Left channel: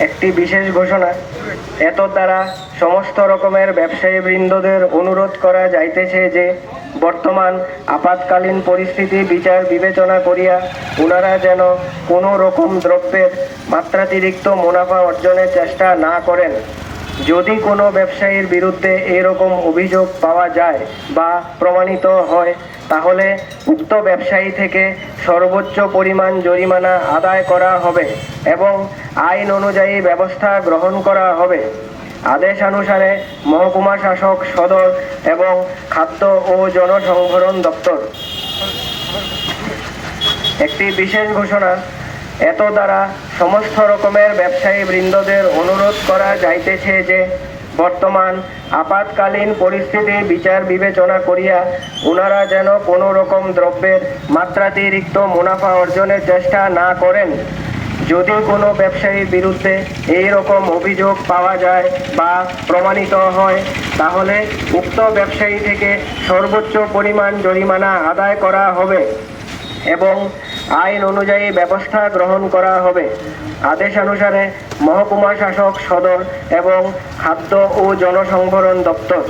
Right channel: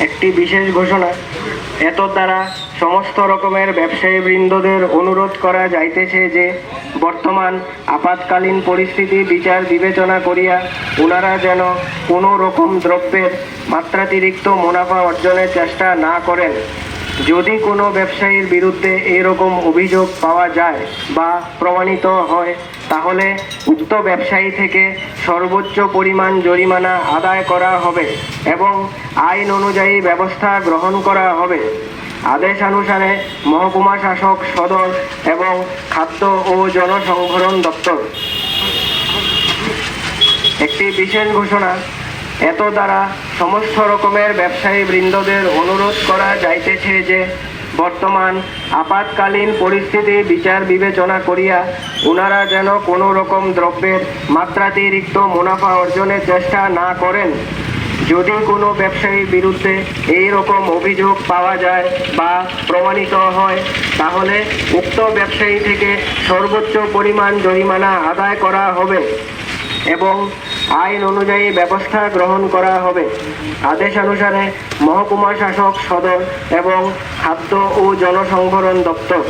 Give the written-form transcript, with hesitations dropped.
একটি বিশেষ ঘোষণা। এত দ্বারা সমস্ত রকমের ব্যবসায়ীবৃন্দদের অনুরোধ করা যাইতেছে যে বর্তমান আপাতকালীন পরিস্থিতি বিচার বিবেচনা করিয়া উনারা যেন কোনো রকম দ্রব্যের মাত্রাতিরিক্ত মুনাফা অর্জনের চেষ্টা না করেন। যদি কোনো ব্যবসায়ীর বিরুদ্ধে এরকম অভিযোগ পাওয়া যায় বা প্রমাণিত হয়, তাহলে উক্ত ব্যবসায়ী থেকে সর্বোচ্চ পরিমাণ জরিমানা আদায় করা হবে এবং আইন অনুযায়ী ব্যবস্থা গ্রহণ করা হবে। আদেশানুসারে মহকুমা শাসক সদর এবং খাদ্য ও জনসংভরণ দপ্তর। একটি বিশেষ ঘোষণা। এত দ্বারা সমস্ত রকমের ব্যবসায়ীবৃন্দদের অনুরোধ করা যাইতেছে যে বর্তমান আপাতকালীন পরিস্থিতি বিচার বিবেচনা করিয়া উনারা যেন কোনো রকম দ্রব্যের মাত্রাতিরিক্ত মুনাফা অর্জনের চেষ্টা না করেন। যদি কোনো ব্যবসায়ীর বিরুদ্ধে এই রকম অভিযোগ পাওয়া যায় বা প্রমাণিত হয়, তাহলে উক্ত ব্যবসায়ী থেকে সর্বোচ্চ পরিমাণ জরিমানা আদায় করা হবে এবং আইন অনুযায়ী ব্যবস্থা গ্রহণ করা হবে। আদেশানুসারে মহকুমা শাসক সদর এবং খাদ্য ও জনসংভরণ দপ্তর।